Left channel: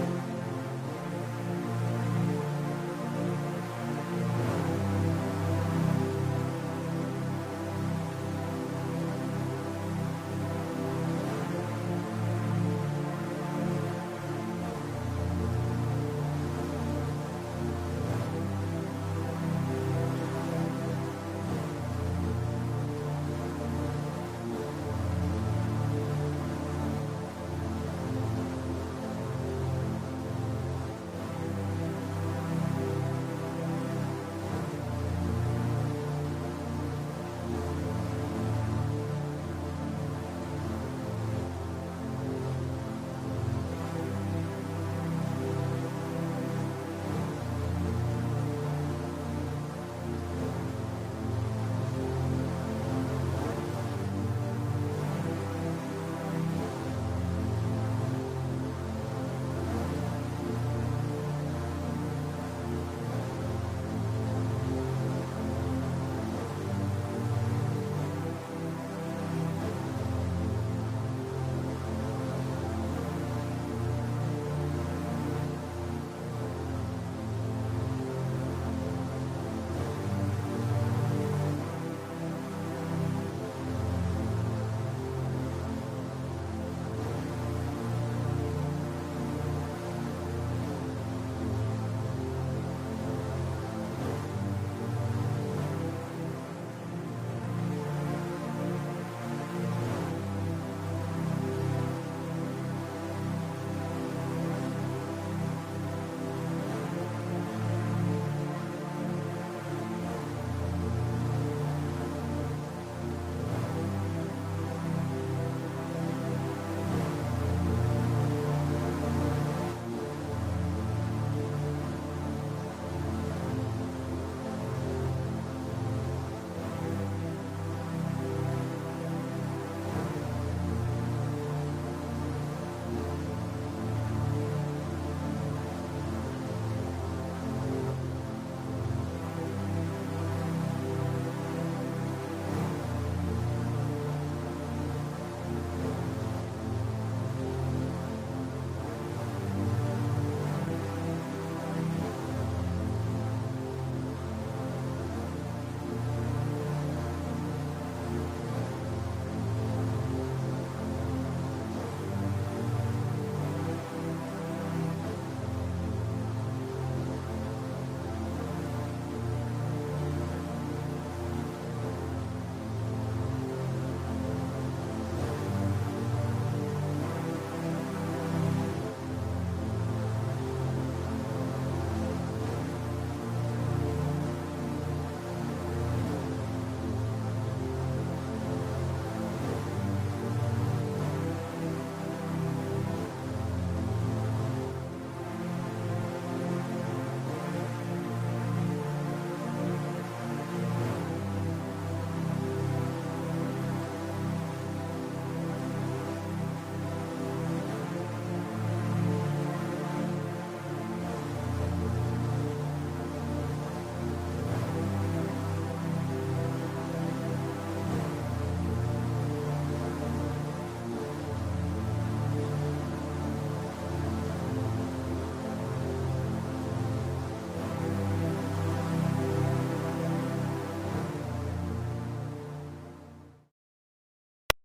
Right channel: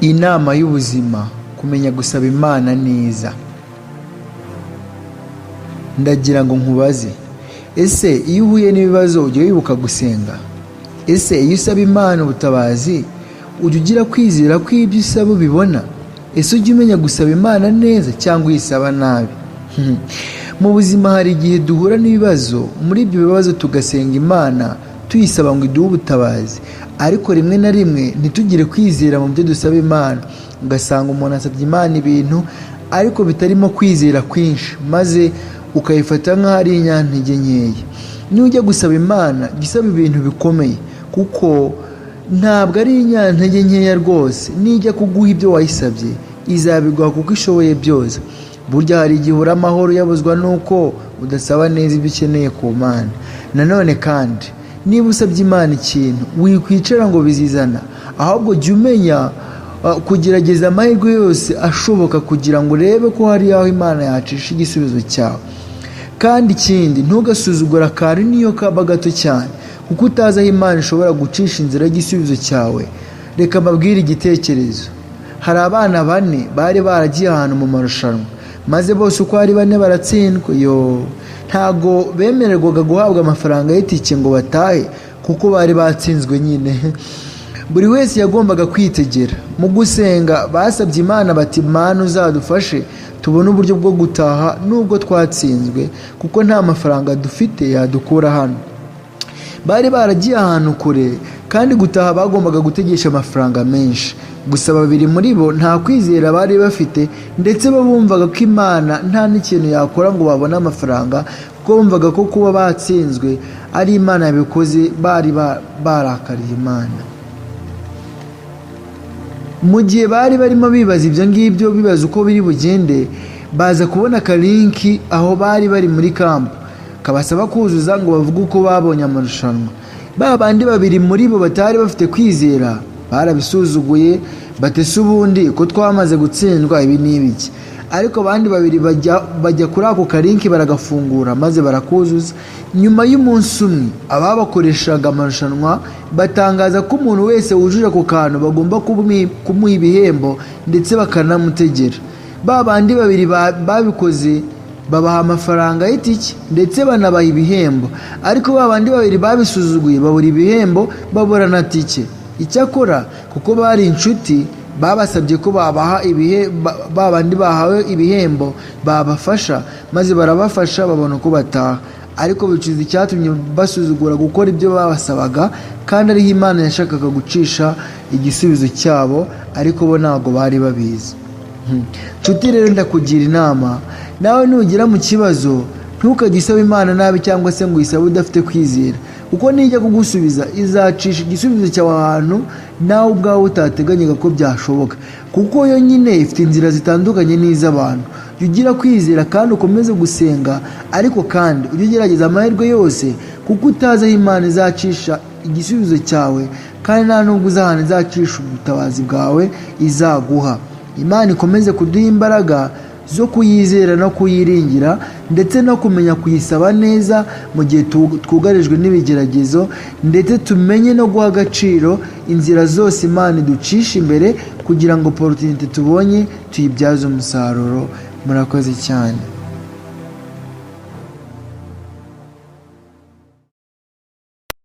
Inama y'ubuzima: kumenya gusaba Imana neza. Ndagira ngo nkubaze, ese iyo uhuye n'ibibazo ujya wibuka gusenga? Ese iyo usaba Imana ubutabazi ujya ugira kwizera ko ibyo usaba ubibona? Ese ujya umenya gusaba Imana neza cyangwa uyisaba nabi? Mu buzima hari igihe duhura n'ibibazo, muri ibyo bibazo tugasenga Imana tuyisaba ngo iduhe ubutabazi, ariko rimwe na rimwe ntitugire kwizera mu byo dusaba Imana. Ugasanga umuntu asabye Imana ibintu ariko bitarimo kwizera kwinshi, maze ukayifata nk'aho ari inyantege nkeya. Niyo ujya gusaba Imana jya usaba ibintu bikomeye, kuko ntabwo ari inyantege nkeya rwose. Nijya kuguha ibyo wayisabye izabiguha kuko ishoboye byose. Burya hari igihe uri amahoro yabuzwa nuko udasaba neza ibyo ukeneye ku Mana. Nanone kandi niba usabye Imana ikintu wikwicara ngo bizizana, ahubwo jya umenya kugerageza amahirwe yose ashoboka kugira ngo urebe ko hari aho Imana yacisha igisubizo cyawe. Kandi ikindi, ntugasuzugura akantu niyo kaba gato cyane, kuko utazi aho Imana ishobora gucisha inzira y'igisubizo cyawe. Reka mbabwire igitekerezo. Hari abana 4 bari baragiye ahantu mu marushanwa, maze bose uko ari 4 baratsindwa. Ntago bemererwaga guhabwa amafaranga y'itike ngo batahe, kuko bari batsinzwe nyine. Buri wese yagombaga kwitegera. Mu gusenga basabye Imana bati, Mana uzadufashe tubone uburyo bwo gutaha nubwo twatsinzwe, kuko nta mafaranga dufite yadukura hano. Bari baragiye ahantu kure, kandi gutaha bagombaga gutegesha amafaranga menshi. Gusa 2 muri bo nta kwizera bari bafite, ndetse bumvaga ko Imana nta n'ikintu yakora ngo babone amafaranga, kuko bumvaga ko kuba batsinzwe ari Imana yabikoze. Bari barakariye Imana. Mu gihe bari barimo bibaza ibyo ngibyo, bibaza uko biri bugende, baza kubona akalinki aho bari muri kampu kabasaba kuzuza ngo bavuge uko babonye amarushanwa. Bandi 2 muri bo batari bafite kwizera barabisuzuguye, batese ubundi ko twamaze gutsindwa ibi n'ibiki. Ariko abandi 2 bajya kuri ako kalinki baragafungura maze barakuzuza. Nyuma y'umunsi umwe ababakoreshaga amarushanwa batangaza ko umuntu wese wujuje ako kantu bagomba kumuha ibihembo ndetse bakanamutegera. Bandi 2 babikoze babaha amafaranga y'itike ndetse banabaha ibihembo, ariko bandi 2 babisuzuguye babura ibihembo babura na tike. Icyakora kuko bari inshuti, babasabye ko babaha bandi bahawe ibihembo babafasha, maze barabafasha babona uko bataha. Ariko bicuza icyatumye basuzugura gukora ibyo babasabaga, kandi ariho Imana yashakaga gucisha igisubizo cyabo, ariko bo ntabwo bari babizi. Nshuti rero, ndakugira inama, nawe nugira mu kibazo ntukajye usaba Imana nabi cyangwa se ngo uyisabe udafite kwizera, kuko nijya kugusubiza izacisha igisubizo cyawe ahantu nawe ubwawe utateganyaga ko byashoboka, kuko yo nyine ifite inzira zitandukanye n'iz'abantu. Jya ugira kwizera kandi ukomeze gusenga, ariko kandi ujye ugerageza amahirwe yose, kuko utazi aho Imana izacisha igisubizo cyawe, kandi nta nubwo uzi ahantu izacisha ubutabazi bwawe izaguha. Imana ikomeze kuduha imbaraga zo kuyizera no kuyiringira, ndetse no kumenya kuyisaba neza mu gihe twugarijwe n'ibigeragezo, ndetse tumenye no guha agaciro inzira zose Imana iducisha imbere, kugira ngo opportunity tubonye tuyibyaze umusaruro. Murakoze cyane.